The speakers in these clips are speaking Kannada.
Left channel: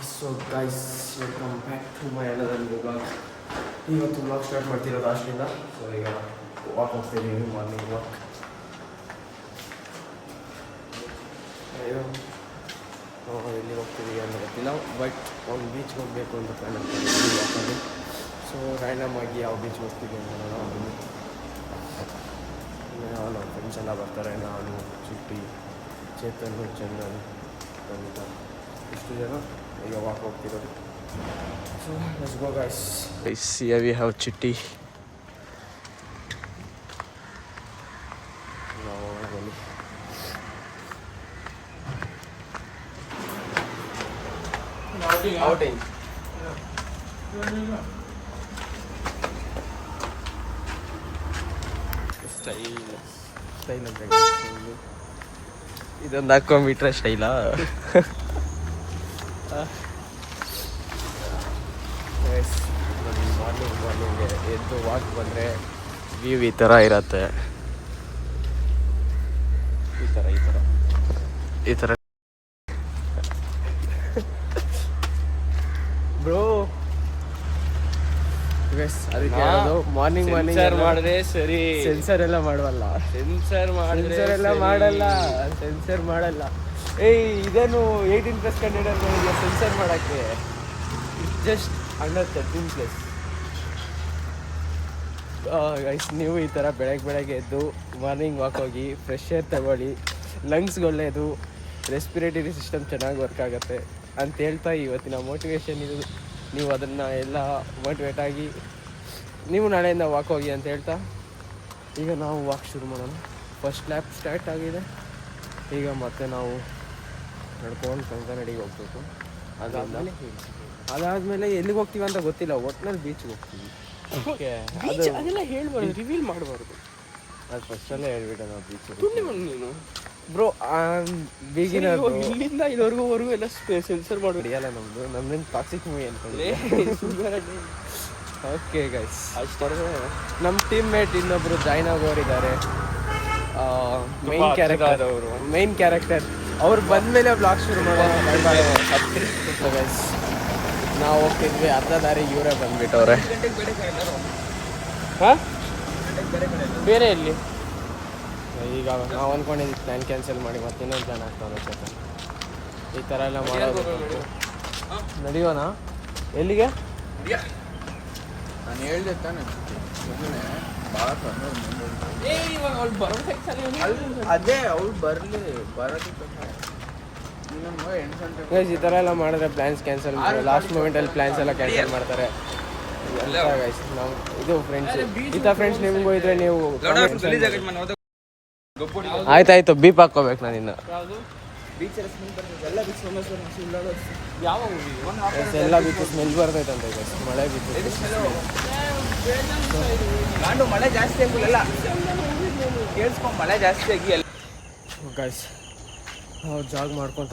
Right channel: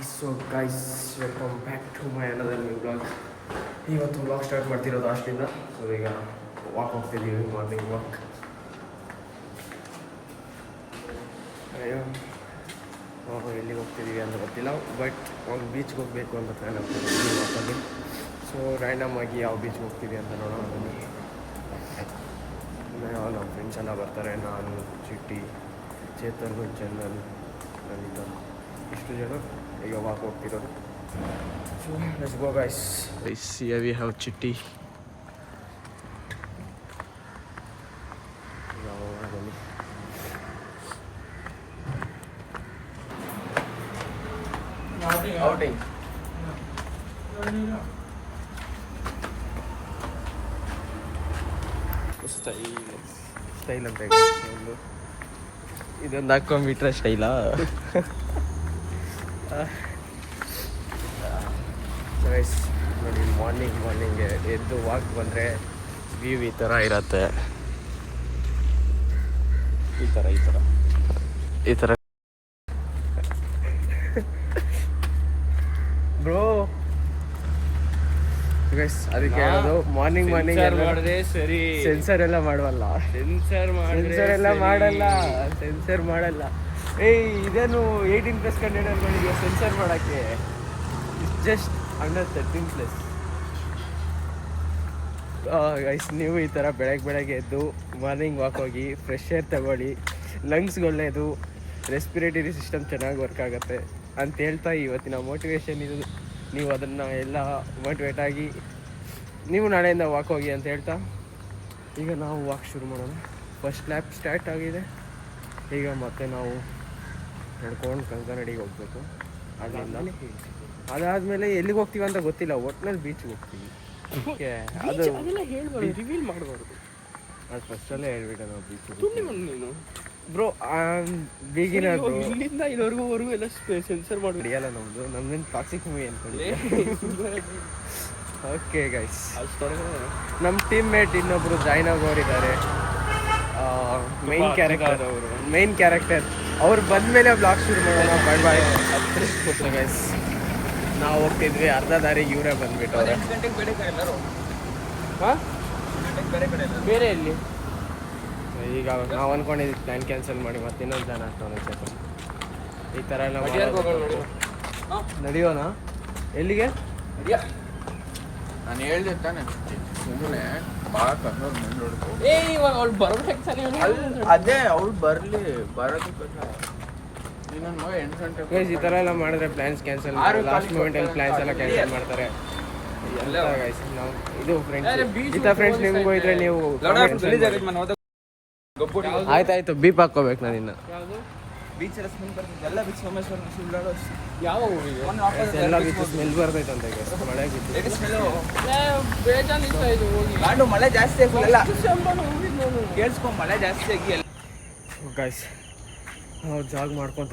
So guys welcome back to my another new blog. ಇವತ್ತು ಬ್ಲಾಗ್ ಸ್ಟಾರ್ಟ್ ಮಾಡ್ತಿರೋದು ಅಷ್ಟಿಂದ. ಸೊ ಈಗ ವಾಕ್ ಹೋಗ್ತಿದ್ದೀವಿ, ಮಾರ್ನಿಂಗ್ ವಾಕ್. ಅಯ್ಯೋ ಎಲ್ಲಿಗೆ ಹೋಗ್ತಿದ್ದೀವಿ ಅಂತ ಗೊತ್ತಿಲ್ಲ, ಬಟ್ ಒಂದು ಬೀಚ್ಗೆ ಹೋಗಬೇಕು ಅಂತ ಪ್ಲ್ಯಾನ್ ಆಗ್ತಿದ್ದೀವಿ ವಾಕಲ್ಲಿ. ಸೊ ರ್ಯಾಂಡಮ್ ಆಗಿ ಯಾವ ಬೀಚ್ಗೆ ಹೋಗ್ತೀವಿ ಅಂತ ನೋಡೋಣ ಬನ್ನಿ. ನಮ್ಮ ಫ್ರೆಂಡ್ಸ್ ಎಲ್ಲ ಬರ್ತಾರೆ, ನಾನು, ಚಿಟ್ಟಿ, ಚೇತನ್, ಚಂದನ್, ನಂದಿತಾ, ಇಷ್ಟು ಜನ ಈಗ ವಾಕ್ ಹೋಗ್ತಿರೋದು. So let's go guys. Here we have ಚಿಟ್ಟಿ. ನಾವು ಬನ್ನಿ. ಔಟಿಂಗ್ ಸ್ಟೈಲ್ ಅಂತ ಒಂದು ಇದೊಂದು ಹಾಕೊಂಡ್ಬಿಟ್ರೆ ಸ್ಟೈಲಾ? ಗೈಸ್ ನೋಡಿ, ಮಾರ್ನಿಂಗ್ ಎದ್ದು ವಾಕ್ ಬಂದರೆ ವ್ಯೂ ಈ ಥರ ಇರತ್ತೆ. ಈ ಥರ ಬ್ರೋ. ಗೈಸ್ ಅದಕ್ಕೆ ಹೇಳೋದು, ಮಾರ್ನಿಂಗ್ ಮಾಡಿದ್ರೆ ಸರಿ. ಸೆನ್ಸರ್ ಎಲ್ಲ ಮಾಡಲ್ಲ. ಸೆನ್ಸರ್ ಮಾಡಲ್ಲ. ಇದೇನು 18+ ಕಂಟೈನರ್ಗಳಿಗೆ ಸೆನ್ಸರ್ ಮಾಡೋಕ್ಕೆ ಜಸ್ಟ್ ಅಂಡರ್ 13+. ಗೈಸ್ ನೀವು ಈ ಥರ ಬೆಳಗ್ಗೆ ಎದ್ದು ಮಾರ್ನಿಂಗ್ ವಾಕ್ ಹೋಗಿ ಫ್ರೆಶ್ ಏರ್ ತಗೊಳ್ಳಿ. ಲಂಗ್ಸ್ಗೆ ಒಳ್ಳೆಯದು, ರೆಸ್ಪಿರೇಟರಿ ಸಿಸ್ಟಮ್ ಚೆನ್ನಾಗಿ ವರ್ಕ್ ಆಗುತ್ತೆ ಅಂತ ಹೇಳ್ತಾ ಇವತ್ತಿನ ಮೋಟಿವೇಶನ್ ಇದು. ನೀವು ಅದನ್ನು ಎಲ್ಲ ಮೋಟಿವೇಟ್ ಆಗಿ ನೀವು ನಾಳೆಯಿಂದ ವಾಕ್ ಹೋಗಿ ಅಂತ ಹೇಳ್ತಾ ಈಗ ನಾವು ವಾಕ್ ಶುರು ಮಾಡೋಣ. ಫಸ್ಟ್ ಲ್ಯಾಪ್ ಸ್ಟಾರ್ಟ್ ಆಗಿದೆ. ಈಗ ಮತ್ತೆ ನಾವು ನಡ್ಕೊಂಡು ಕಂಕನಡಿಗೆ ಹೋಗ್ಬೇಕು. ಅಲ್ಲಿಂದ ಅದಾದಮೇಲೆ ಎಲ್ಲಿಗೆ ಹೋಗ್ತೀವಿ ಅಂತ ಗೊತ್ತಿಲ್ಲ, ಒಟ್ಟಿನಲ್ಲಿ ಬೀಚ್ಗೆ ಹೋಗ್ತೀವಿ. ಓಕೆ, ಅದು ರಿವೀಲ್ ಮಾಡಬಾರ್ದು. ಅದು ಫಸ್ಟಲ್ಲೇ ಹೇಳ್ಬಿಟ್ಟು ನಾವು ಬೀಚ್ಗೆ ಬ್ರೋ. ಬಿಗಿನರ್ ಬ್ರೋ, ಇಲ್ಲಿಂದ ಇಲ್ಲಿವರೆಗೂ ಎಲ್ಲ ಸೆನ್ಸರ್ ಮಾಡಿ ಹಿಡಿಯಲ್ಲ ನಮ್ಮದು. ನಮ್ಮೇನು ಟಾಕ್ಸಿಕ್ ಮೂವಿ ಅಂದ್ಕೊಂಡಿದ್ದೆ. ಓಕೆ ಗೈಸ್, ನಮ್ಮ ಟೀಮ್ ಮೇಟ್ ಇನ್ನೊಬ್ರು ಜಾಯ್ನ್ ಆಗೋರಿದ್ದಾರೆ. ಮೈನ್ ಕ್ಯಾರೆಕ್ಟರ್ ಅವ್ರು ಬಂದಮೇಲೆ ಬ್ಲಾಗ್ ಶುರು ಮಾಡೋಣ. ಬಾಯ್ ಗೈಸ್, ನಾವು ಹೋಗ್ತಿದ್ವಿ, ಅರ್ಧ ದಾರಿಗೆ ಇವರೇ ಬಂದ್ಬಿಟ್ಟವ್ರೆ. ಬೇರೆ ಎಲ್ಲಿ ಈಗ ನಾವು ಅಂದ್ಕೊಂಡಿದ್ವಿ ಪ್ಲ್ಯಾನ್ ಕ್ಯಾನ್ಸಲ್ ಮಾಡಿ ಮತ್ತೆ ಇನ್ನೊಂದು ಪ್ಲ್ಯಾನ್ ಆಗ್ತಾವೆ ಚೇತನ್. ಈ ಥರ ಎಲ್ಲ ಮಾಡೋದು. ನಡೆಯೋಣ ಎಲ್ಲಿಗೆ? ನಾನು ಹೇಳಿದೆ ತಾನೆ, ಇವಾಗ ಅವ್ಳು ಬರೋದು ಅದೇ ಅವ್ಳು ಬರೋದಕ್ಕೆ ಈ ಥರ ಎಲ್ಲ ಮಾಡಿದ್ರೆ ಪ್ಲ್ಯಾನ್ಸ್ ಕ್ಯಾನ್ಸಲ್ ಮಾಡ್ತಾರೆ. ಲಾಸ್ಟ್ ಮೂಮೆಂಟಲ್ಲಿ ಪ್ಲ್ಯಾನ್ಸ್ ಎಲ್ಲ ಕ್ಯಾನ್ಸಲ್ ಮಾಡ್ತಾರೆ. ನಾವು ಇದು ಫ್ರೆಂಡ್ಸ್, ಈ ಥರ ಫ್ರೆಂಡ್ಸ್ ನಿಮಗೂ ಇದ್ರೆ ನೀವು ಆಯ್ತಾಯ್ತು. ಬೀಪ್ ಹಾಕ್ಕೋಬೇಕು ನಾನು ಇನ್ನು. ಯಾವ ಮೂವಿಗೆ ಎಲ್ಲ ಬೀಚ್ ಸ್ಮೆಲ್ ಬರ್ತೈತಂತ ಈಗ, ಮಳೆ ಬೀಚ್ ಮಳೆ ಜಾಸ್ತಿ ಕೇಳಿಸ್ಕೊಂಡು ಮಳೆ ಜಾಸ್ತಿ ಆಗಿ. ಗೈಸ್ ನಾವು ಜಾಗ್ ಮಾಡ್ಕೊತ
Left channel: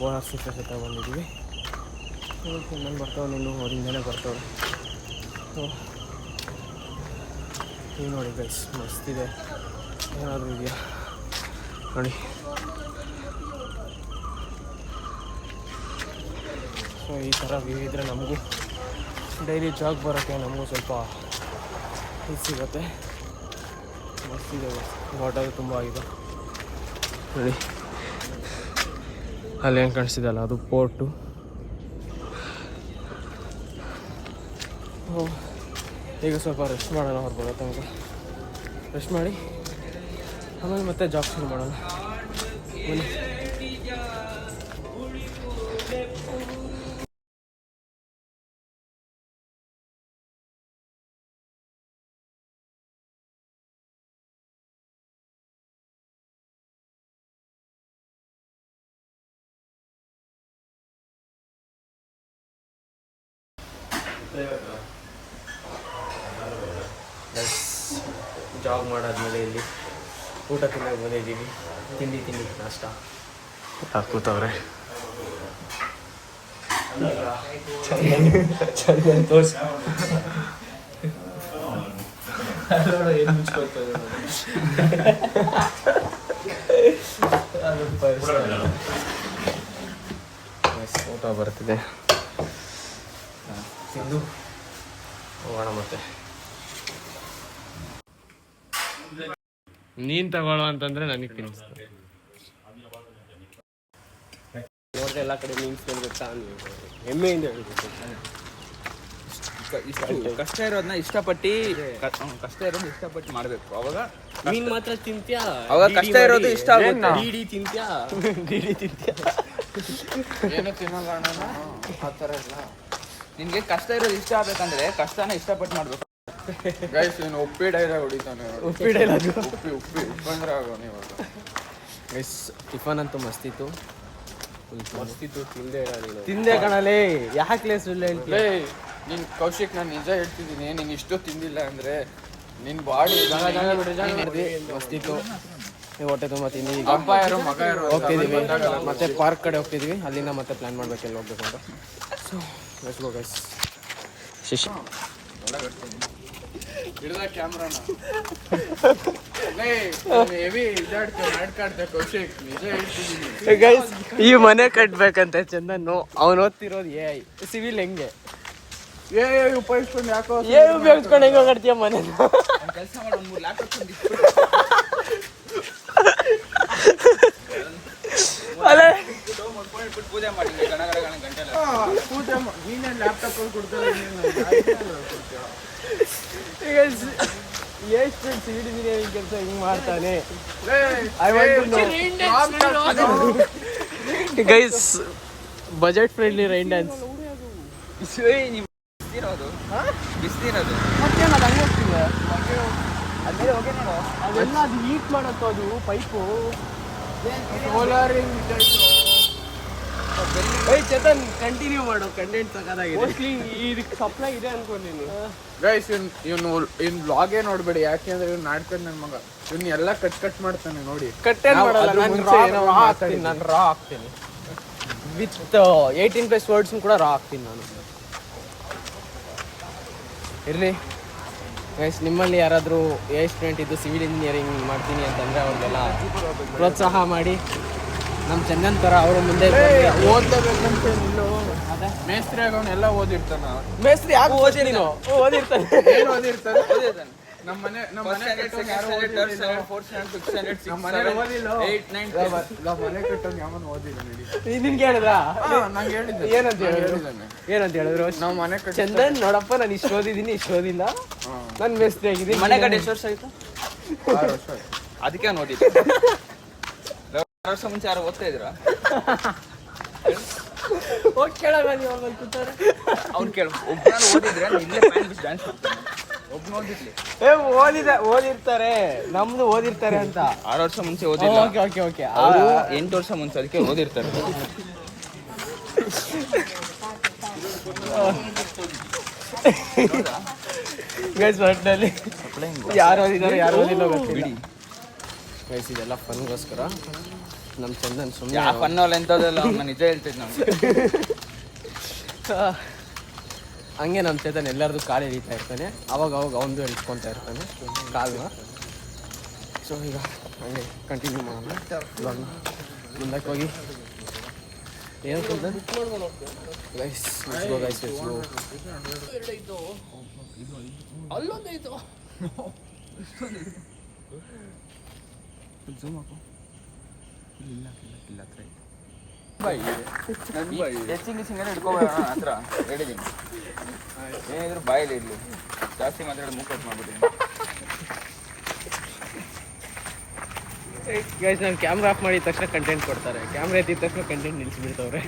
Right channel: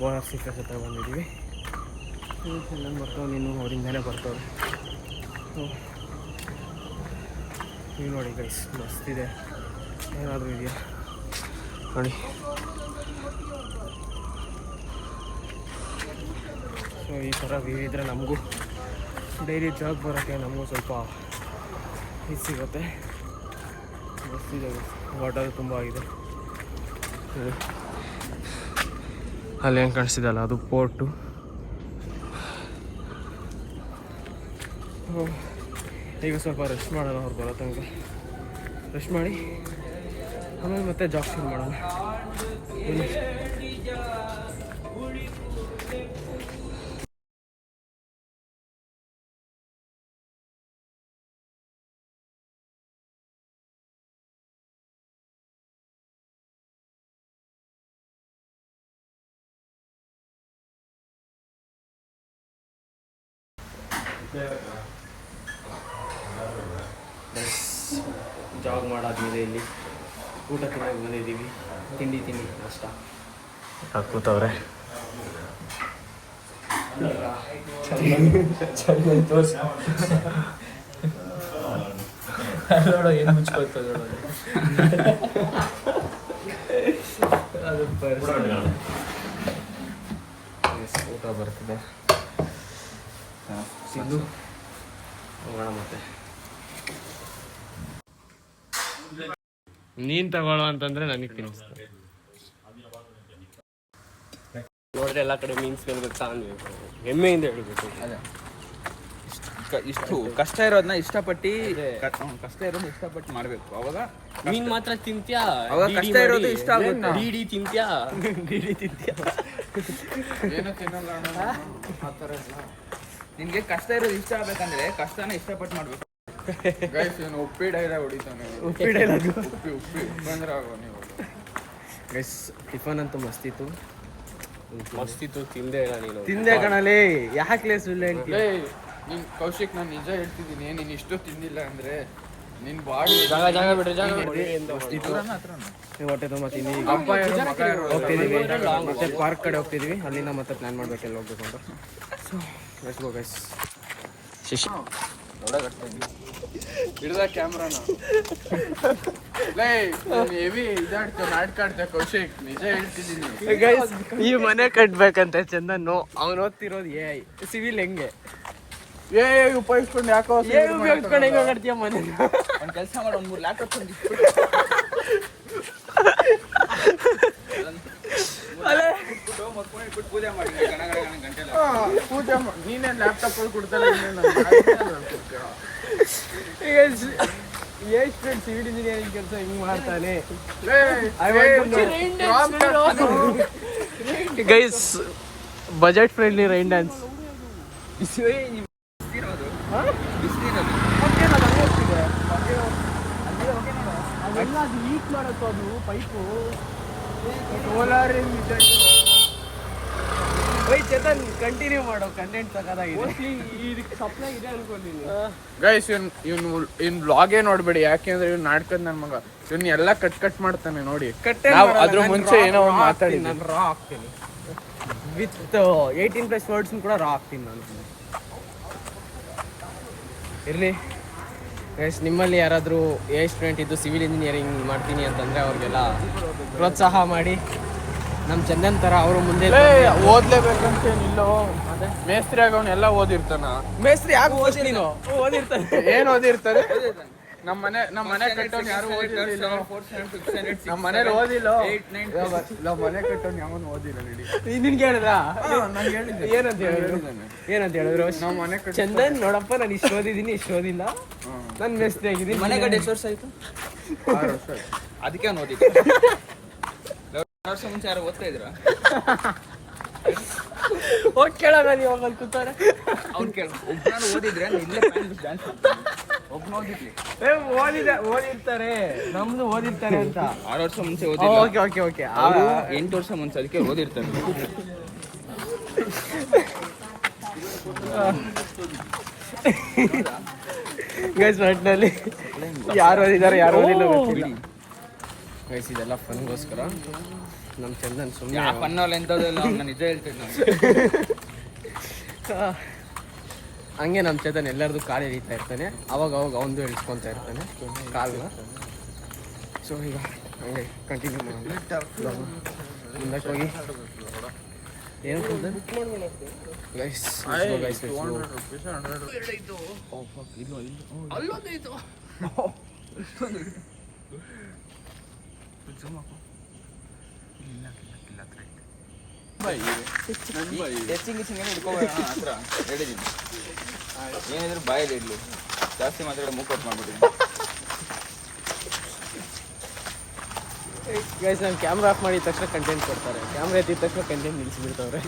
ಬೋನಸ್ ಸಿಕ್ಕರ್ಸ್ ಹತ್ರ ಬಂದಿದ್ದೀವಿ. ಚೆನ್ನಾಗಿ ಬರ್ತಾವೆ, ನೀನು ಅವರಿಂದನೇ ಬರ್ತವ್ರೆ. ನೀವು ನೋಡಿ ಗೈಸ್, ಮಸ್ತಿದೆ. ಏನಾದರೂ ಇದೆಯಾ ನೋಡಿ. ಸೊ ಈ ಥರ ವ್ಯೂ ಇದ್ದರೆ ನಮಗೂ ಡೈಲಿ ಜಾಗ್ ಬರೋಕ್ಕೆ ನಮಗೂ ಸ್ವಲ್ಪ ಇದು ಸಿಗುತ್ತೆ. ಮಸ್ತಿದೆ. ವಾಟರ್ ತುಂಬ ಆಗಿದೆ. ಸರಿ, ಅಲ್ಲಿ ಏನು ಕಾಣಿಸ್ತಿದಲ್ಲ ಅದು ಪೋರ್ಟು. ಈಗ ಸ್ವಲ್ಪ ರೆಸ್ಟ್ ಮಾಡೋಣ, ಹೊರಬರೋ ತನಕ ರೆಸ್ಟ್ ಮಾಡಿ ಆಮೇಲೆ ಮತ್ತೆ ಜಾಬ್ ಶುರು ಮಾಡೋಣ. ಬನ್ನಿ. ಜಾಗ್ ಮಾಡಾದ್ಮೇಲೆ ಇಲ್ಲಿ ಊಟ ತಿನ್ನೋಕೆ ಬಂದಿದ್ದೀವಿ. ತಿಂಡಿ ನಾಷ್ಟ ಕೂತವ್ರೆ. ಗೈಸ್ ಊಟ ಬರ್ತಿದೆ, ತಿಂದು ಹೋಗೋಣ. ಮತ್ತೆ ನೀನ್ ತಗೊಳ್ಳೋ ಅಂತಂದ್ರೆ ನನಗೆ ತಿನ್ನಿಸ್ತಾರೆ. ನೋಡಿದ್ರೆ ಎಲ್ಲ ಕಡೆ ಮೀನ್ಸ್ ಗೊತ್ತಾ, ಹೆಮ್ಮೆಯಿಂದ ಹೇಳ್ಬೇಕು. ಅದೇ ಇಷ್ಟು ಕಷ್ಟ ಇರೋದನ್ನ ಇಷ್ಟಪಟ್ಟು ಮಾಡ್ಬೇಕು. ಅವಾಗ ಮೀನ್ ಮಾತ್ರ ತಿಂತ್ಯಾ, ಅವಾಗ ಕಷ್ಟ ಇರೋದು ಇಷ್ಟ ಆಗುತ್ತೆ. ಡಿ ತಿಂತ್ಯಾ, ಡಿ ತಿಂತ್ಯಾ. ಏನು ತಿನ್ನೋಲ್ಲ ಆ ಥರ ಇಲ್ಲ. ನಿಮ್ಗೆ ಕಷ್ಟ ಇರೋದು ಇಷ್ಟ ಆಗ್ಬೇಕಂದ್ರೆ ಕಷ್ಟನ ಇಷ್ಟಪಟ್ಟು ಮಾಡ್ಬೇಕು. ಉಪ್ಪಿ ಡೈಲಾಗ್ ಹೊಡಿತಾನೆ, ಉಪ್ಪಿ ಡೈಲಾಗ್. ಉಪ್ಪಿ ಬಂದ್ರೆ ಗೈಸ್ ಟಿಫನ್ ಅಂತೂ ಮಸ್ತಿತ್ತು, ತಿಂದೆ ತಿಂದೆ ಕಣಲೇ. ಯಾಕೆ ಸುಳ್ಳು ಹೇಳ್ತೀಯ? ನೀನ್ ಕೌಶಿಕ್, ನಾನು ನಿಜ ಹೇಳ್ತಿದ್ದೀನಿ, ನೀನ್ ಇಷ್ಟು ತಿಂದಿಲ್ಲ ಅಂದ್ರೆ ನಿನ್ ಬಾಡಿ ಮಸ್ತಿತ್ತು. ಹೊಟ್ಟೆ ತುಂಬ ತಿಂದಿವಿ. ಹೋಗ್ತಿದೀವಿ ಮತ್ತೆ ಪಾರ್ಕ್ ಕಡೆ ಹೋಗ್ತಿದ್ವಿ, ಅಲ್ಲಿಂದ ಮತ್ತೆ ಪ್ಲಾನ್ ಮಾಡ್ಬೇಕು ಎಲ್ಲಿ ಹೋಗ್ಬೇಕು ಅಂತ. So let's go guys. ಹಿಡ್ದ ಕ್ಯಾಮ್ರಾನ ಹೆವಿ ಇದಾಡ್ತೇವೆ, ನಾಡ್ಕಾಡ್ತೇವೆ ಕೌಶಿಕ್, ನಿಜ ಹೇಳ್ತಿದ್ದೀನಿ. ಈ ಮನೆ ಕಟ್ಬೇಕಂತೆ ಚಂದನ್ನು. ಅವ್ನು ಓದ್ತಿರೋದು ಸಿವಿಲ್. ಹೆಂಗೆ ಉಪಯೋಗಿಸ್ಕೊಂಡು ಯಾಕೋ ಉಪಯೋಗಿಸ್ಕೊಂಡು ಹೆಂಗ ಕಟ್ತೀಯ ಮನೆ? ಒಂದು ಕೆಲಸ ಮಾಡಿ, ಒಂದು 3 ಲ್ಯಾಪ್ಟಾಪ್ ಪೂಜೆ ಮಾಡಿ ಗಂಟೆ ಪೂಜೆ ನೀನೇ ಲ್ಯಾಪ್ಟಾಪ್ ಕೊಡ್ತಾರೆ. ಈಗ ಎಷ್ಟು ಸಿವಿಲ್ ಇಂಜಿನಿಯರಿಂಗ್ ಕೆಲಸ ಹಿಂಗ್ ಮಾಡ್ತಾನೆ. Guys budget friendly rain dance. ಬಿಸ್ತಿರೋದು ಮತ್ತೇನು ಅದು ಹಂಗೆ ಹೋಗ್ತಿದೆ, ಅದು ಹೀಟ್ ಮಾಡತ್ತೋ ಅದು ಪೈಪು. ಚೇತನ್ ಕಂಟಿನ್ಯೂ ಮಾಡೋ, ಕಂಟೆಂಟ್ ಸಕ್ಕತ್ತಾಗಿದೆ. ಇದಕ್ಕೆ ಸ್ವಪ್ನ ಇದೆ ಅನ್ಕೊಂಡಿನಿ. ಗೈಸ್ ಇವ್ನು ಬ್ಲಾಗೇ ನೋಡ್ಬೇಡಿ, ಯಾಕೆಂದ್ರೆ ಇವ್ನು ನಾಡ್ಕೊಂಡು ನನ್ನ ಮಗ ಇವ್ನು ಎಲ್ಲ ಕಟ್ ಮಾಡ್ತಾನೆ ನೋಡಿ. ಕಟ್ಟೆ ಮಾಡಲ್ಲ, ನಾನು ರಾ ಹಾಕ್ತೀನಿ ವಿತ್ 18+ ವರ್ಡ್ಸ್ ಕೂಡ ರಾ ಹಾಕ್ತೀನಿ ನಾನು. ಇರಲಿ ಎಸ್, ನಿಮ್ಮಲ್ಲಿ ಯಾರಾದರೂ ಸ್ಟೂಡೆಂಟ್ ಇದ್ದು ಸಿವಿಲ್ ಇಂಜಿನಿಯರಿಂಗ್ ಮಾಡ್ತೀನಿ ಅಂತಂದರೆ ಅವ್ರಿಗೆಲ್ಲ ಪ್ರೋತ್ಸಾಹ ಮಾಡಿ. ನಮ್ಮ ಚಂದನ್ ಥರ ಅವರು ಮುಂದೆ ಓದ್ಲೇಬೇಕಂತ ಅದೇ ಮೇಸ್ತ್ರಿ ಆಗೋನೆಲ್ಲ ಓದಿರ್ತಾನ. ಮೇಸ್ತ್ರಿ ಯಾಕೆ ಓದಿ? ನೀನು ಓದಿರ್ತಾನೆ. ಏನು ಓದಿರ್ತಾರೆ? ನಮ್ಮ ಮನೆ ಕಟ್ಟೋನ್ ಯಾರು ಓದಿಲ್ಲ. ನಮ್ಮ ಮನೇಲಿ ಓದಿಲ್ಲ. ನಮ್ಮ ಮನೆ ಕಟ್ಟೋನ್ ಯಾವನು ಓದಿಲ್ಲ. ನಡಿ ನಿನ್ಗೆ ಹೇಳಿದ್ರಾ? ನಂಗೆ ಹೇಳಿದ್ದೆ. ಏನಂತ ಹೇಳಿದ್ರು? ನಮ್ಮ ಮನೆ ಚಂದನ್ ನೋಡಪ್ಪ, ನಾನು ಇಷ್ಟು ಓದಿದ್ದೀನಿ, ಇಷ್ಟು ಓದಿಲ್ಲ, ನಾನು ಮೇಸ್ತ್ರಿ ಆಗಿದ್ದೀನಿ. ಮನೆ ಕಡೆ ಎಷ್ಟು ವರ್ಷ ಆಯ್ತು? 6 ವರ್ಷ ಆಯ್ತು. ಅದಕ್ಕೆ ಓದಿದ್ದೆ. 6 ವರ್ಷ ಮುಂಚೆ ಯಾರು ಓದ್ತಾ ಇದ್ರ? ಹೋಗಿ ಕೇಳೋಣ ನೀವು. ಅವ್ನು ಕೇಳು. ಒಬ್ಬರು ಓದಿದ್ರೆ ಇಲ್ಲೇ ಡ್ಯಾನ್ಸ್ ಒಬ್ಬನು ಓದಿರ್ಲಿ. ಓದಿರ್ತಾರೆ, ನಮ್ದು ಓದಿರ್ತಾರೆ ಅಂತ. 6 ವರ್ಷ ಮುಂಚೆ ಓಕೆ 8 ವರ್ಷ ಮುಂಚೆ, ಅದಕ್ಕೆ ಓದಿರ್ತಾರೆ. ಗೈಸ್ ಒಟ್ಟಿನಲ್ಲಿ ಯಾರು ಓದಿದ್ದಾರೆ ಯಾರು ಓದಿಲ್ಲ ಗೊತ್ತಿಲ್ಲ. ಗೈಸ್ ಇದೆಲ್ಲ ಫನ್ಗೋಸ್ಕರ. ನಮ್ಮ ಚಂದನ್ ಸುಮ್ಮನೆ ಫನ್ನೋಲ್ಲ ಎಂಥದ್ದೆಲ್ಲ ನಿಜ ಹೇಳ್ತಿದ್ದೆ ನಾನು. ಹಂಗೆ ನಮ್ಮ ಚೇತನ್ ಎಲ್ಲರದು ಕಾಲು ಎಳಿತಾ ಇರ್ತಾನೆ, ಅವಾಗ ಅವನದು ಎಳ್ಸ್ಕೊತಾ ಇರ್ತಾನೆ ಕಾಲನ್ನ. ಸೊ ಈಗ ಹಂಗೆ ಕಂಟಿನ್ಯೂ ಮಾಡೋಣ ಬ್ಲಾಗ್ನ. ಮುಂದಕ್ಕೆ ಹೋಗಿ ಏನು ಚಂದನ್ ಗೈಸ್ ಅಲ್ಲೊಂದೈತು. ಹಿಡ್ಕೋಬೇಡ ಹತ್ರ ಹೇಳಿದ್ದೀನಿ. ಏನಿದ್ರು ಬಾಯಲ್ಲಿ ಇಡ್ಲಿ, ಜಾಸ್ತಿ ಮಾತಾಡಿ ಮೂಕಟ್ ಮಾಡ್ಬಿಟ್ಟಿದ್ದೀನಿ. ಗೈಸ್ ನಾನು ಕ್ಯಾಮ್ರಾ ಆಫ್ ಮಾಡಿದ ತಕ್ಷಣ ಕಂಟೆಂಟ್ ಕೊಡ್ತಾರೆ, ಕ್ಯಾಮ್ರಾ ಎತ್ತಿದ ತಕ್ಷಣ ಕಂಟೆಂಟ್ ನಿಲ್ಲಿಸ್ಬಿಡ್ತವ್ರೆ.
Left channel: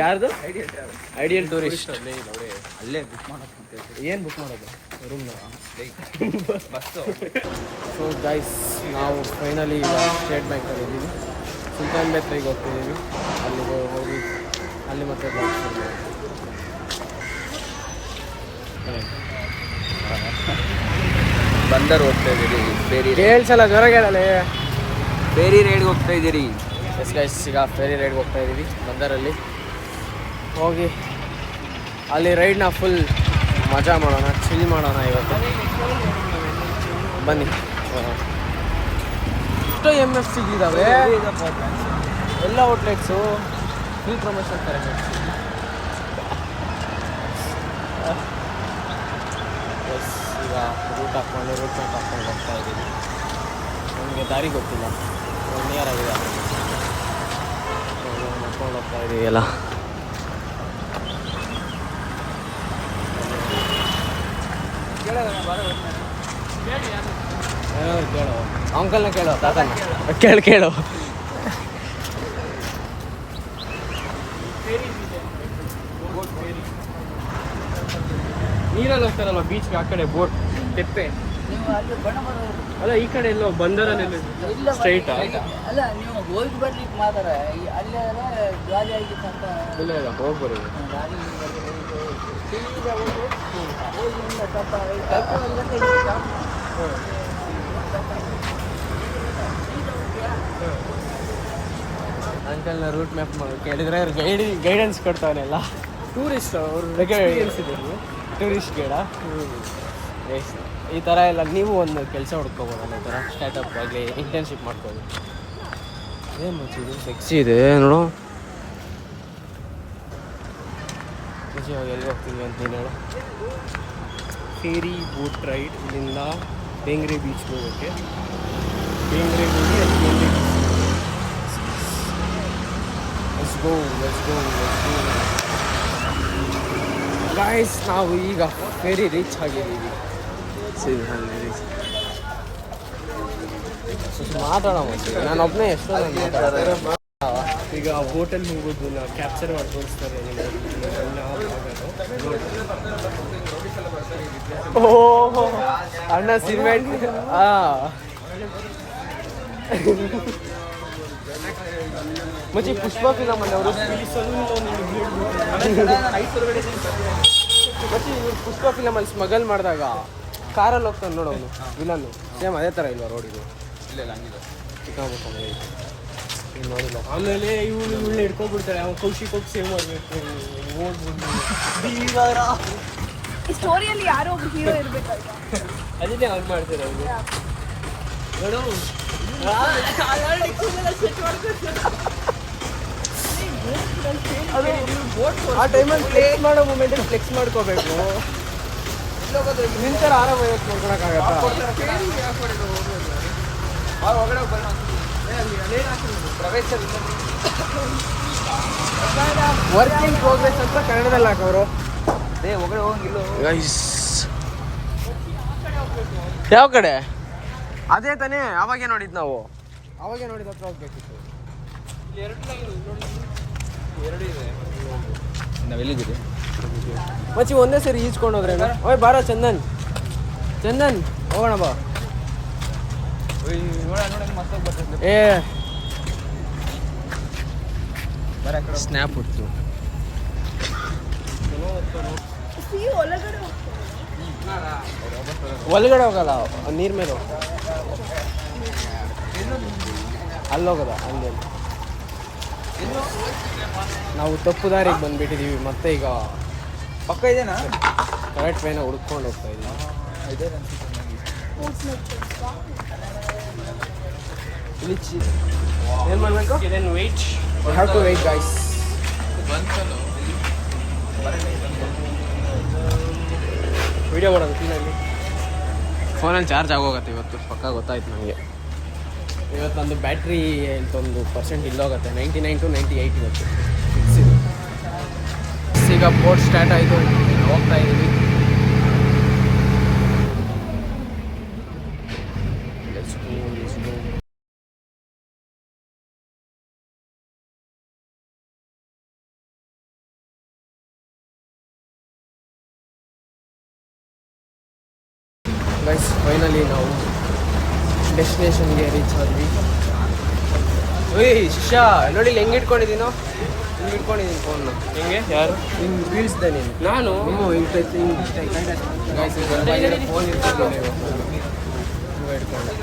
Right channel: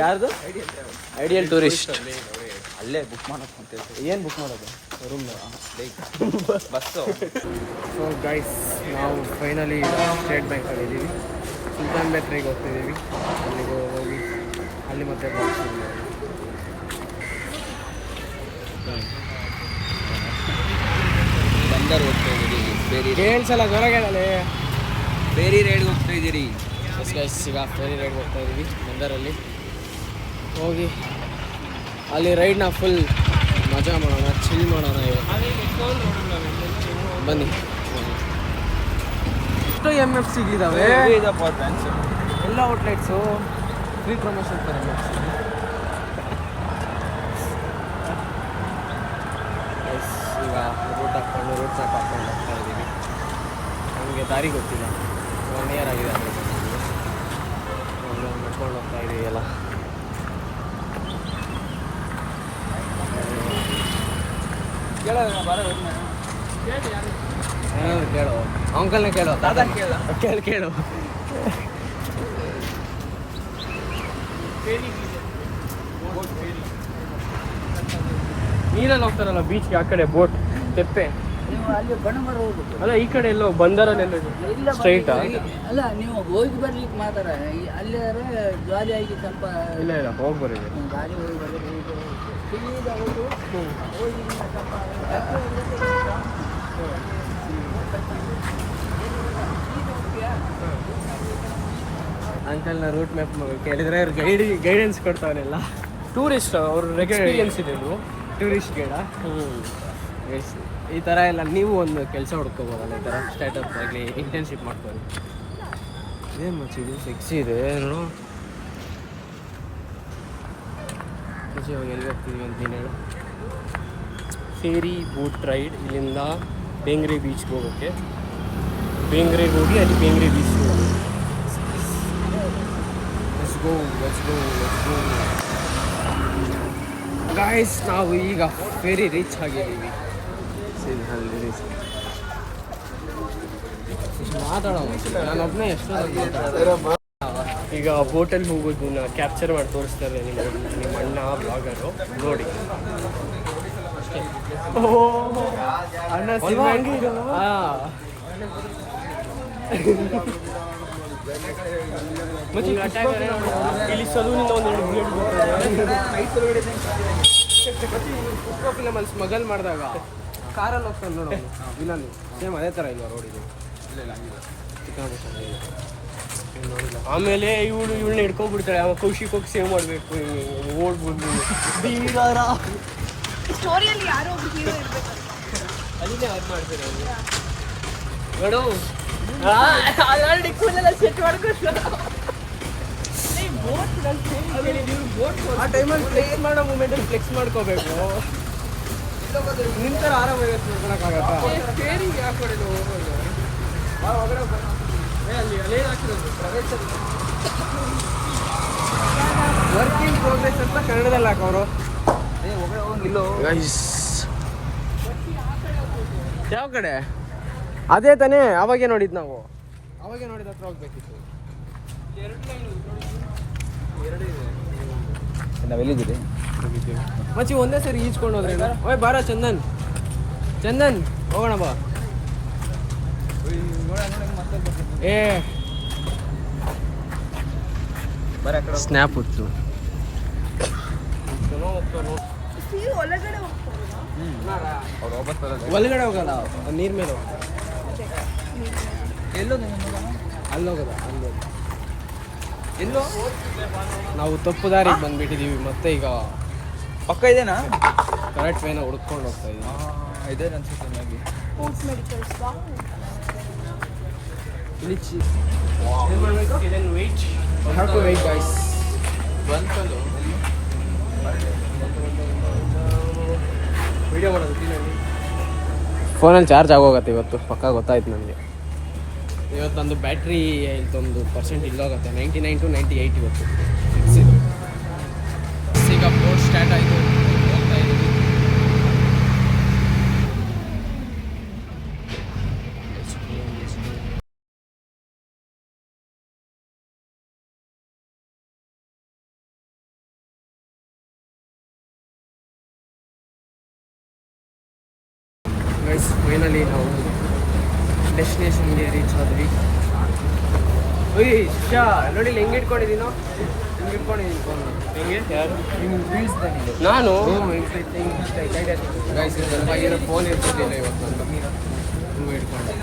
ಯಾರ್ದು? Ideal tourist. ಅಲ್ಲೇ ಬುಕ್ ಮಾಡೋದು. ಏನು ಬುಕ್ ಮಾಡೋದು? ರೂಮ್ನ ಬಸ್ಸು. ಸೊ ಗೈಸ್ ನಾವು ಫೈನಲಿ ಈಗ ಸ್ಟೇಟ್ ಬ್ಯಾಂಕಲ್ಲಿ ಇದ್ದೀವಿ. ಸುಲ್ತಾನ್ ಬೇಕ್ರಿಗೆ ಹೋಗ್ತಿದ್ದೀವಿ. ಅಲ್ಲಿಗೆ ಹೋಗಿ ಅಲ್ಲಿ ಮತ್ತೆ ಬಾಕ್ಸ್ ಶುರು ಮಾಡಿ ಬಂದರು ಹೋಗ್ತಾ ಇದ್ದೀರಿ. ಬೇರೆ ಹೇಳ್ಸಲ್ಲ ಜ್ವರ ಹೇಳಲ್ಲ. ಬೇರೆ ರೇಡ್ ಹೋಗ್ತಾ ಇದ್ದೀರಿ. ಎಸ್ ಗೈಸ್ ಈಗ ಫೇರಿ ರೈಡ್ ಹೋಗ್ತಾ ಇದ್ದೀವಿ ಬಂದರಲ್ಲಿ. ಹೋಗಿ ಅಲ್ಲಿ ರೈಡ್ನ ಫುಲ್ ಮಜಾ ಮಾಡೋಣ, ಚಿಲ್ ಮಾಡೋಣ ಇವತ್ತು. ಬನ್ನಿ. ಎಷ್ಟು MF ಸಿಗ್ಲಿದ್ದಾವೆ. ಎಲ್ಲ outlets free promotion for MX. Yes, ಈಗ ರೂಟ್ ಮ್ಯಾಪ್ ಹಾಕ್ಕೊಂಡು ಹೋಗ್ತಾ ಇದ್ದೀವಿ. ನಮಗೆ ದಾರಿ ಗೊತ್ತಿಲ್ಲ, 1 ಇಯರ್ ಆಗಿದೆ ಅದ್ರ ಬಗ್ಗೆ ನಡ್ಕೊಂಡು ಹೋಗ್ತಾ ಇದ್ದೀವಿ ಎಲ್ಲ. ಏನಾದ್ರು ಕೇಳು, ಅಂಕಲ್ನ ಕೇಳು, ತಾತನ ಕೇಳು. ನೀರಲ್ಲಿ ಹೋಗ್ತಾರಲ್ಲ ಬೀಚ್ಗೆ, ಆ ಕಡೆ ಬೋಟ್ ತೆಪ್ಪೆ ಅಲ್ಲ, ಈ ಕಡೆ ಎಲ್ಲೋ ಬಂದರಲ್ಲೆಲ್ಲ ಸ್ಟ್ರೈಟ್ ಅಲ್ಲ. ನೀವು ಹೋಗಿ ಬರ್ಲಿಕ್ಕೆ ಮಾತಾಡ ಅಲ್ಲೇ ಗಾಡಿ ಆಗಿ ಸ್ವಲ್ಪ ಇಲ್ಲ ಹೋಗಿ ಬರೋದು. ಗಾಡಿ ಸೀದಾ ಹೋಗಿ ಅಂಕಲ್ನ ರೂಟ್ ಮ್ಯಾಪ್ ಕೇಳಿದ್ರೆ ಅವ್ರು ಗೈಡೆನ್ಸ್ ಕೊಡ್ತಾವನೆಲ್ಲ. ಟೂರಿಸ್ಟ್ ಅವ್ರ ಎಕ್ಸ್ಪೀರಿಯನ್ಸ್ ಇದೆ. Tourist guide. ಎಸ್, ಈ ಥರ ಎಲ್ಲ ನೀವು ಒಂದು ಕೆಲಸ ಹುಡ್ಕೋಬೋದಲ್ಲ, ಈ ಥರ ಸ್ಟಾರ್ಟಪ್ ಆಗಿ ಇಂಟರ್ನ್ಶಿಪ್ ಮಾಡ್ಕೊಳ್ಳಿ. ಏನು ಮಚ್ಚಿದು ಸೆಕ್ಸಿ ಇದೆ ನೋಡು. ಎಲ್ಲಿ ಹೋಗ್ತೀವಿ ಅಂತ ಹೇಳಿ, ಫೇರಿ ಬೋಟ್ ರೈಡ್ ಇಲ್ಲಿಂದ ಬೇಂಗ್ರೆ ಬೀಚ್ಗೆ ಹೋಗೋಕ್ಕೆ. ಬೇಂಗ್ರೆಗೆ ಹೋಗಿ ಅಲ್ಲಿ ಬೇಂಗ್ರೆ ಬೀಚ್ ಲೆಟ್ಸ್ ಗೋ. ಗಾಯ್ಸ್, ನಾವು ಈಗ ಫೇರಿ ರೀಚ್ ಆಗಿದ್ದೀವಿ. ಸರಿ, ಅಲ್ಲಿ ರೀಚ್ ಮಾತಾಡೋ ನಾನು ಒಬ್ಬನೇ ಎಷ್ಟು ಮಾತಾಡ್ತೀನಿ. ಈಗ ಹೋಟೆಲ್ ಹೋಗೋದನ್ನ ಕ್ಯಾಪ್ಚರ್ ಮಾಡಿ ತೋರಿಸ್ತಾರೆ ನಿಮ್ಮ ಅಣ್ಣ ಬ್ಲಾಗರು ನೋಡಿ. ಓಹೋ ಅಣ್ಣ ಸಿನಿಮಾ ಮತ್ತೆ ಪುಷ್ಪ ಫಿಲಮ್ ಅವರು ಇಲ್ಲಿ ಸಲೂನಿಂದ ಒಂದು ಬ್ಲೇಡ್ ಮತ್ತೆ ಇವರು ಪುಷ್ಪ ಫಿಲಮಲ್ಲಿ ಸ್ಮಗಲ್ ಮಾಡಿದಾಗ ಕಾರಲ್ಲಿ ಹೋಗ್ತಾನೆ ನೋಡೋನು ವಿಲನ್ನು. ಸೇಮ್ ಅದೇ ಥರ ಇಲ್ಲ ರೋಡಿಗೆ. ಇಲ್ಲ ಹಂಗಿದೆ ಚಿಕ್ಕಬಳ್ಳಾಪುರ ನೋಡಿಲ್ಲ. ಆಮೇಲೆ ಇವಳನ್ನ ಹಿಡ್ಕೊಂಡ್ಬಿಡ್ತಾರೆ. ಅವಾಗ ಕೌಶಿಕಕ್ಕೆ ಸೇವ್ ಮಾಡಬೇಕು, ಓಡ್ಬಿಟ್ಟು ಸ್ಟೋರಿಯಲ್ಲಿ ಯಾರೋ ಒಬ್ರು ಹೀರೋ ಇರಬೇಕು. ಅದನ್ನೇ ಹಂಗೆ ಮಾಡ್ತಾರೆ ನೋಡು. ಆ ಟೈಮಲ್ಲಿ ಫ್ಲೆಕ್ಸ್ ಮಾಡೋ ಮೂಮೆಂಟಲ್ಲಿ ಫ್ಲೆಕ್ಸ್ ಮಾಡ್ಕೋಬೇಕು. ನಿಂತರ ಆರಾಮ ವೇಸ್ಟ್ ಮಾಡ್ಕೊಳಕ್ಕಾಗತ್ತಾ? ವರ್ಕ್ ಇನ್ ಪ್ರೋಗ್ರೆಸ್ ಅಂತ ಕನ್ನಡದಲ್ಲಿ ಹಾಕವರು. ಯಾವ ಕಡೆ? ಅದೇ ತಾನೇ ಅವಾಗೆ ನೋಡಿದ್ದು ನಾವು. ಅವಾಗೆ ನೋಡಿದ ಹತ್ರ ಹೋಗ್ಬೇಕಿತ್ತು. ನಾವೆಲ್ಲಿದ್ದೀವಿ ಮಚ್ಚಿ ಒಂದೇ ಸರಿ ಈಸ್ಕೊಂಡು ಹೋಗ್ರೇನ? ಓಯ್ ಬಾರ ಚಂದನ್ ಹೋಗೋಣ ಬಾ. ಏ ಸ್ನ್ಯಾಪ್ ಹುಟ್ಟು ಒಳಗಡೆ ಹೋಗಲ್ಲ, ನೀರ್ ಮೇಲೆ ಹೋಗ. ಅಲ್ಲಿ ಹೋಗೋದ? ಹಂಗೆ ನಾವು ತಪ್ಪು ದಾರಿಗೆ ಬಂದ್ಬಿಟ್ಟಿದೀವಿ. ಮತ್ತೆ ಈಗ ಪಕ್ಕ ಇದೆನಾ? ಕರೆಕ್ಟ್ ವೇನ ಹುಡ್ಕೊಂಡು ಹೋಗ್ತಾ ಇದೀವಿ. ಏನು ಮಾಡಬೇಕು? Have to wait guys. Video ಮಾಡೋದು ಫೋನಲ್ಲಿ ಚಾರ್ಜ್ ಆಗೋಗುತ್ತೆ ಇವತ್ತು ಪಕ್ಕ, ಗೊತ್ತಾಯ್ತು ನನಗೆ. ಇವತ್ತು ನಂದು ಬ್ಯಾಟ್ರಿ ಒಂದು % ಇಲ್ಲೋಗುತ್ತೆ. 99 to 98 ಇವತ್ತು ಫಿಕ್ಸ್ ಇದೆ. ಈಗ ಬೋಟ್ ಸ್ಟಾರ್ಟ್ ಆಯಿತು, ಹೋಗ್ತಾ ಇದ್ದೀವಿ. ಗೈಸ್ ಫೈನಲಿ ನಾವು ಡೆಸ್ಟಿನೇಷನ್ಗೆ ರೀಚ್ ಆದ್ವಿ. ಓಯ್ ಶಿಷ್ಯ ನೋಡಿ ಹೆಂಗೆ ಇಟ್ಕೊಂಡಿದ್ದೀನೋ, ಹಿಂಗೆ ಇಟ್ಕೊಂಡಿದ್ದೀನಿ ಫೋನು. ಹೆಂಗೆ? ಯಾರು? ಹಿಂಗೆ ಬೀಳ್ಸ್ದೆ ನೀನು. ನಾನು ಗೈಸ್ ಸ್ವಲ್ಪ ಆಗಿರೋ ಫೋನ್ ಇರ್ತಿದ್ದಿಲ್ಲ ಇವತ್ತು ನಾನು. ಹಿಂಗೆ ಇಟ್ಕೊಂಡೆ.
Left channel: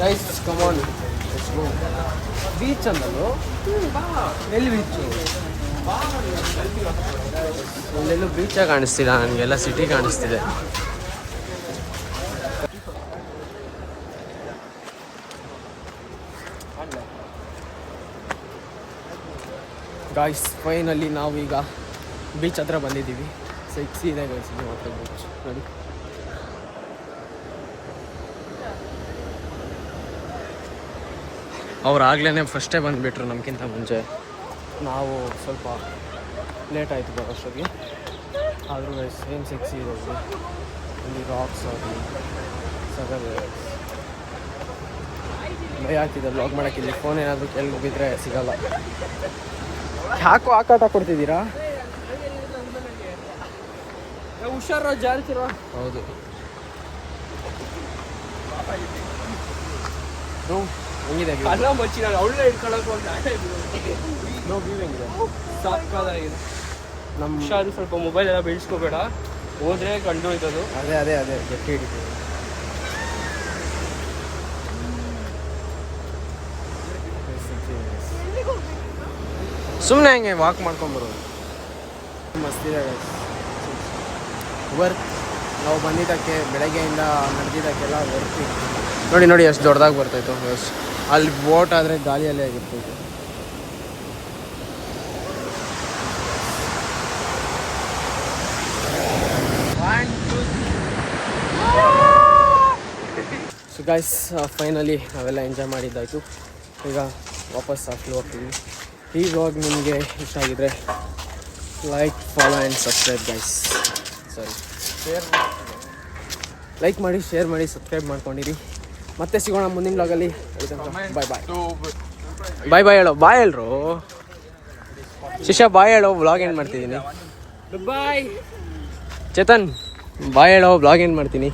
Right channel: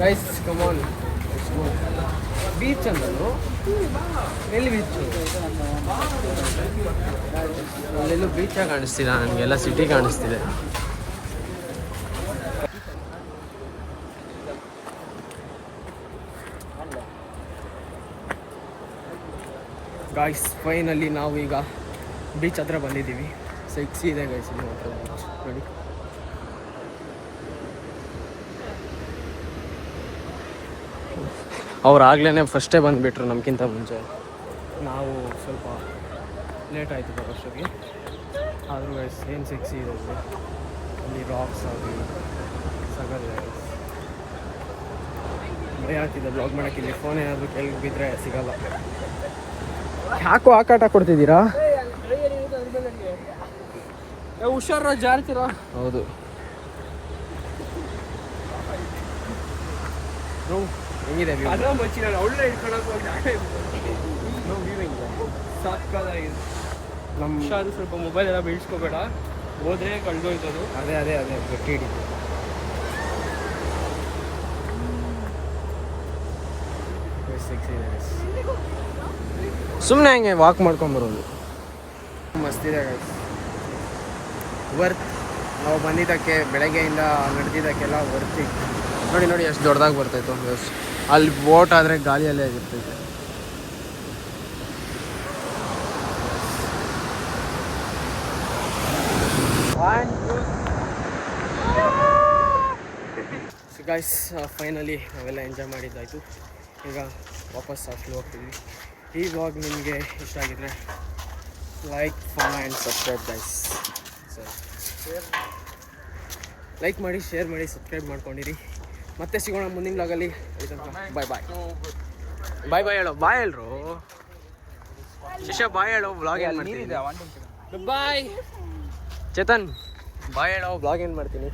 Guys come on let's go. Beach ಅಂದನು. ಎಲ್ಲಿ ಬೀಚು? ಇಲ್ಲೆಲ್ಲೂ ಬೀಚೇ ಕಾಣಿಸ್ತಿಲ್ಲ ನನಗೆಲ್ಲ ಸಿಟಿ ಕಾಣಿಸ್ತಿದೆ. ಗಾಯ್ಸ್ ಫೈನಲ್ಲಿ ನಾವು ಈಗ ಬೀಚ್ ಹತ್ರ ಬಂದಿದ್ದೀವಿ. ಸೆಕ್ಸಿ ಇದೆ ಗಾಯ್ಸ್ ಇದು ಮಾತ್ರ ಬೀಚ್ ನೋಡಿ. ಅವ್ರು ಆಗ್ಲೇ ಫಸ್ಟೇ ಬಂದುಬಿಟ್ರು ನಮಗಿಂತ ಮುಂಚೆ. ನಾವು ಸ್ವಲ್ಪ ಲೇಟ್ ಆಯಿತು ಬರೋಷ್ಟೊತ್ತಿಗೆ. ಆದರೂ ಗೈಸ್ ಏನು ಸೆಕ್ಸಿ ಇದೆ ಇಲ್ಲಿ. ಇಲ್ಲಿ ರಾಕ್ಸ್ ಆಗಲಿ ಸಗದಿದೆ. ಭಯ ಆಗ್ತಿದೆ ಬ್ಲಾಗ್ ಮಾಡೋಕ್ಕೆ. ಇಲ್ಲಿ ಫೋನ್ ಏನಾದರೂ ಕೆಳಗೆ ಬಿದ್ದರೆ ಸಿಗಲ್ಲ. ಯಾಕೋ ಆಕಾಟ ಕೊಡ್ತಿದ್ದೀರಾ? ಹುಷಾರು ಜಾರ್ತೀರಾ? ಹೌದು. ನೋ ಹೆಂಗಿದೆ ವ್ಯೂ? ಒಳ್ಳೆ ಇಟ್ಕೊಳ್ಳೋಕೆ ಒಂದು ಆಟ ಇದೆ. ನೋ ವ್ಯೂ ಹೆಂಗಿದೆ? ಸಾಕಾಗಿದೆ. ನಮ್ಮ ಹುಷಾರು, ಸ್ವಲ್ಪ ಮೊಬೈಲ್ ಎಲ್ಲ ಬೀಳ್ಸ್ಕೋಬೇಡ, ಹೋದ್ರೆ ಕಂಡೋಯ್ತದು. ಅದೇ ಗಟ್ಟಿ ಹಿಡಿತೀವಿ. ಸುಮ್ಮನೆ ಹಂಗೆ ವಾಕ್ ಮಾಡ್ಕೊಂಡು ಮಸ್ತಿದೆ ಗೈಸ್. ವರ್ತ್ ನಾವು ಬಂದಿದ್ದಕ್ಕೆ, ಬೆಳಗ್ಗೆಯಿಂದ ನಡೆದಿದ್ದಕ್ಕೆಲ್ಲ ವರ್ತಿ. ನೋಡಿ ಎಷ್ಟು ದೊಡ್ಡದಾಗಿ ಬರ್ತಾಯಿತ್ತು. ಎಸ್ ಅಲ್ಲಿ ಬೋಟ್ ಆದರೆ ಗಾಳಿಯಲ್ಲೇ ಆಗಿರ್ತೈತೆ. ಸೊ ಗೈಸ್ ಫೈನಲಿ ನಾವೆಲ್ಲ ಎಂಜಾಯ್ ಮಾಡಿದ್ದಾಯಿತು. ಈಗ ವಾಪಸ್ ಹಾಸ್ಟೆಲ್ ಹೋಗ್ತೀವಿ. ಈ ವ್ಲಾಗ್ ನಿಮಗೆ ಇಷ್ಟ ಆಗಿದ್ರೆ like, follow and subscribe guys. Like ಮಾಡಿ, ಶೇರ್ ಮಾಡಿ, ಸಬ್ಸ್ಕ್ರೈಬ್ ಮಾಡ್ಕೊಂಡಿರಿ. ಮತ್ತೆ ಸಿಗೋಣ ಮುಂದಿನ ವ್ಲಾಗಲ್ಲಿ. ಬಾಯ್ ಹೇಳೋ. ಬಾಯ್ ಹೇಳ್ರು ಶಿಷ್ಯ. ಬಾಯ್ ಹೇಳೋ, ವ್ಲಾಗ್ ಎಂಡ್ ಮಾಡ್ತಿದ್ದೀನಿ. ಬಾಯ್ ಚೇತನ್ ಬಾಯ್ ಹೇಳೋ, ವ್ಲಾಗ್ ಎಂಡ್ ಮಾಡ್ತೀನಿ.